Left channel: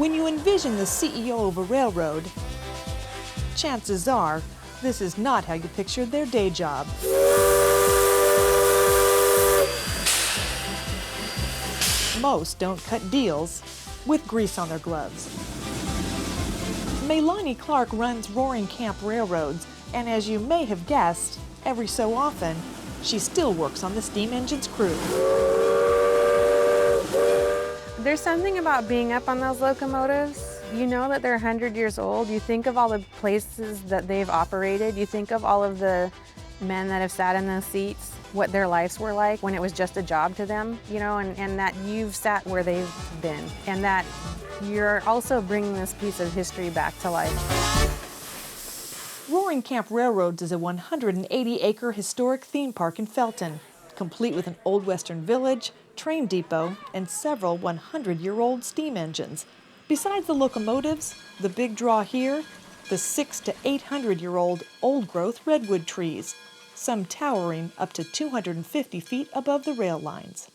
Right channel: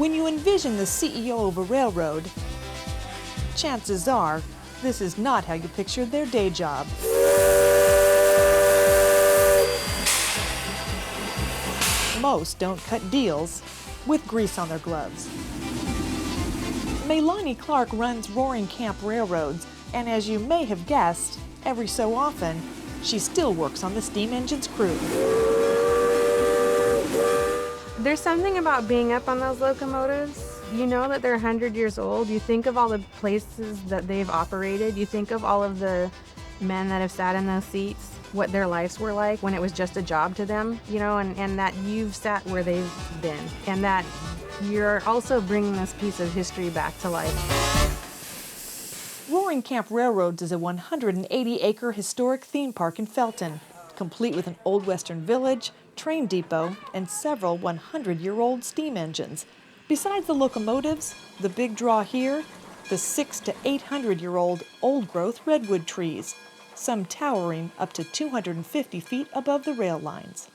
When you envision the CEO of a railroad, chances are this is not how you pictured their day job. Most don't cut deals with grease on their gloves. Melani Clark runs Roaring Camp Railroads, and as you may have guessed, every so often, she still works on the steam engine's crew. There's something about being up on those locomotives. You know that they're 100 years old. You think of all the places that they've operated. You think of all of the men that have sat in those seats, what their lives were like when it was just a job to them, you know, and that you've sat where they've been, and that you're also bringing this piece of history back to life. Roaring Camp Railroads is a 180-acre historic theme park in Felton, complete with an old western village, train depot, and several 100-year-old steam engines. Besides the locomotives, the big draw here, the 600 to 800-year-old old-growth redwood trees, some towering up to 250 feet above the rail lines.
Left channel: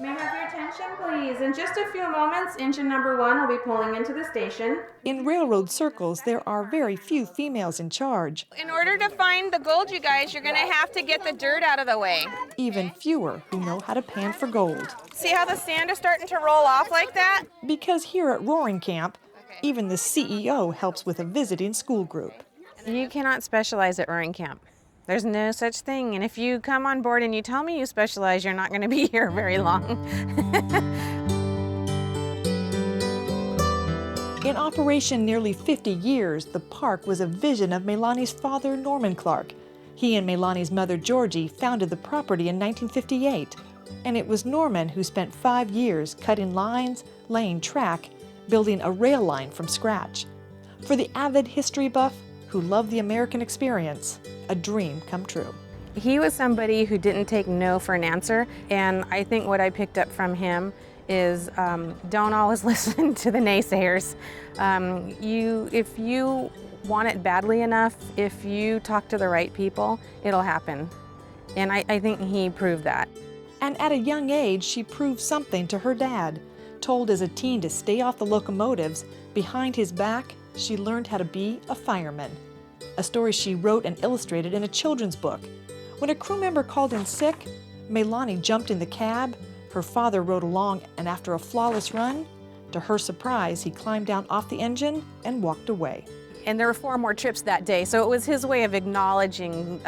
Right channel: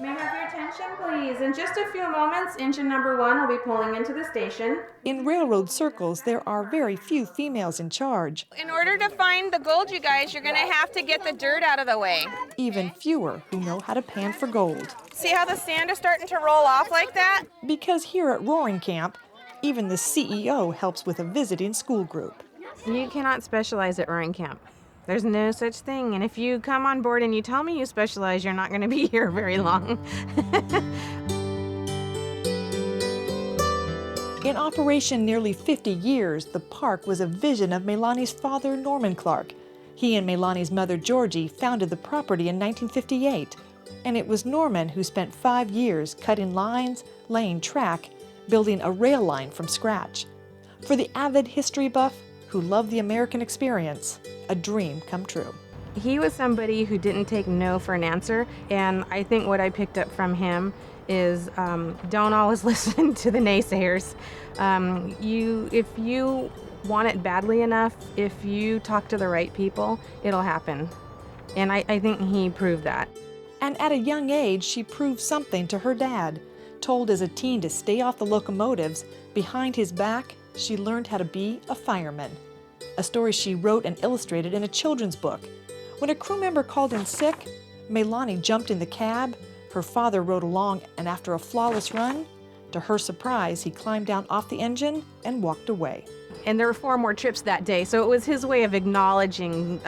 May I have your attention, please? In just a few moments, engine number 1 will be pulling into the station. In railroad circles, there are very few females in charge. In order to find the gold, you guys, you're going to have to get the dirt out of the way. Even fewer who know how to pan for gold. See how the sand is starting to roll off like that? Because here at Roaring Camp, even the CEO helps with a visiting school group. You cannot specialize at Roaring Camp. There's no such thing, and if you come on board and you tell me you specialize, you're not going to be here very long. In operation nearly 50 years, the park was a vision of Melani's father, Norman Clark. He and Melani's mother, Georgie, founded the property in 1958, and it was Norman who spent 5 years cutting lines, laying track, building a rail line from scratch. For the avid history buff who loved the American experience, a dream come true. He was somebody who didn't take no for an answer, and I think what I picked up from him is don't always listen to the naysayers. If you want it badly enough, if you talk to the right people, it'll happen. And I think he proved that. And at a young age, she proved something to her dad. Told as a teen to stay off the locomotives, behind his back, she learned how to be a fireman. A story she wrote and illustrated in a children's book. When a crew member called in sick, Melani jumped in the cab, her father rode along, and after a flawless run, to her surprise, he climbed down off the engine and walked away. And there were 4 more trips that day, so it was his way of acknowledging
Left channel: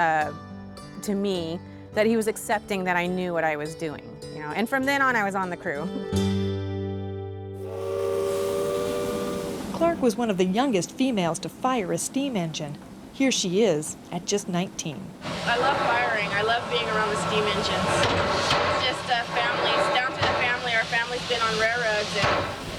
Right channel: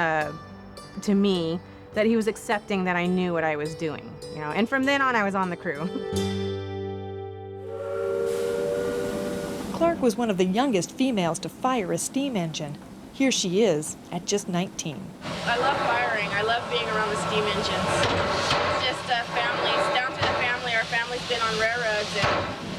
to me that he was accepting that I knew what I was doing. You know, and from then on, I was on the crew. Clark was one of the youngest females to fire a steam engine. Here she is at just 19. I love firing. I love being around the steam engines. It's just families, down to the family. Our family's been on railroads, and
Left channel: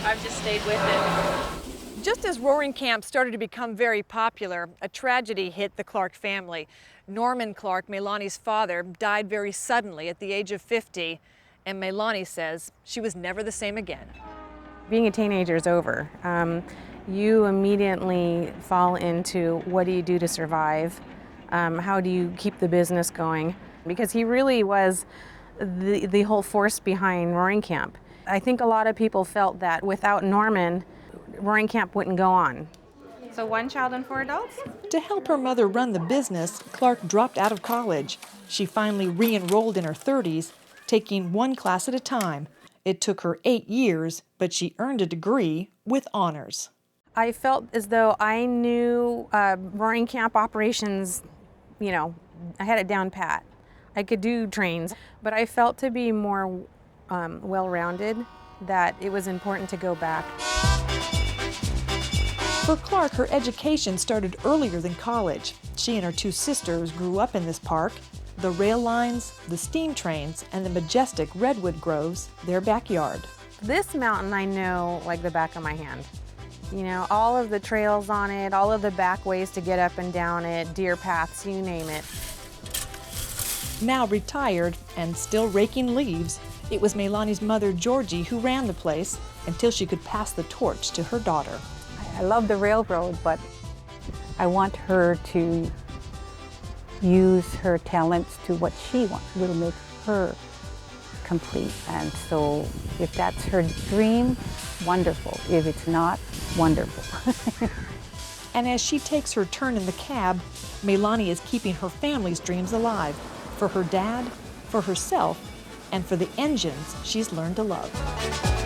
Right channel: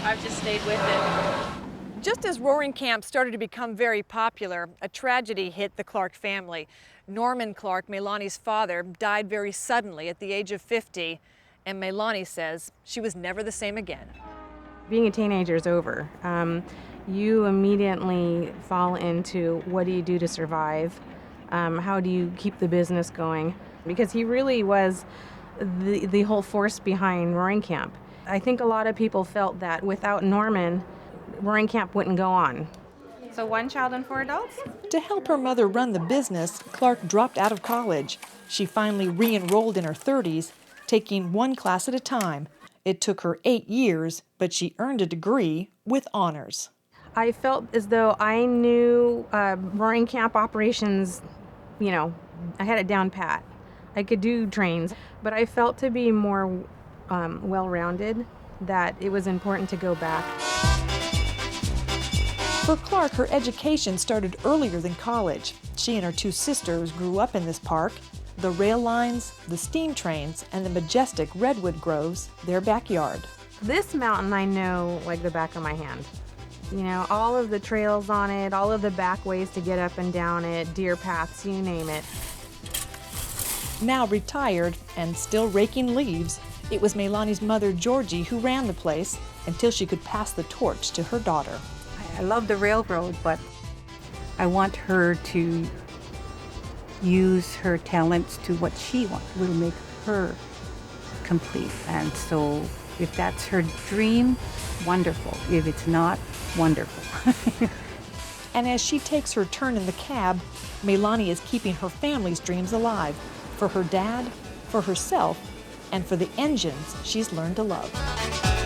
I've just stayed with it. Just as Roaring Camp started to become very popular, a tragedy hit the Clark family. Norman Clark, Melani's father, died very suddenly at the age of 50, and Melani says she was never the same again. Being a teenager is over. You immediately fall into what do you do to survive? How do you keep the business going? Because he really was the whole force behind Roaring Camp. I think a lot of people felt that without Norman, Roaring Camp wouldn't go on. So 1 child and 4 adults? To help her mother run the business, Clark dropped out of college. She finally re-enrolled in her 30s, taking 1 class at a time. It took her 8 years, but she earned a degree with honors. I felt as though I knew Roaring Camp operations, you know, I had it down pat. I could do trains, but I felt to be more well-rounded, that it was important to go back. For Clark, her education started earlier than college. She and her 2 sisters grew up in this park. The rail lines, the steam trains, and the majestic redwood groves, their backyard. This mountain I know like the back of my hand. You know, all of the trails on it, all of the back ways to get up and down it, deer paths, you name it. Now retired and still raking leaves, it was Melani's mother, Georgie, who ran the place until she could pass the torch to her daughter. I love the railroad, but I want her to use her talents to what she wants, will make her complete. And so if that's her dream, wonderful. If it's not, wonderful. And as she takes her turn in the cab, Melani is keeping her family's dreams alive for her dad, for herself, and for the engines she's learned to love.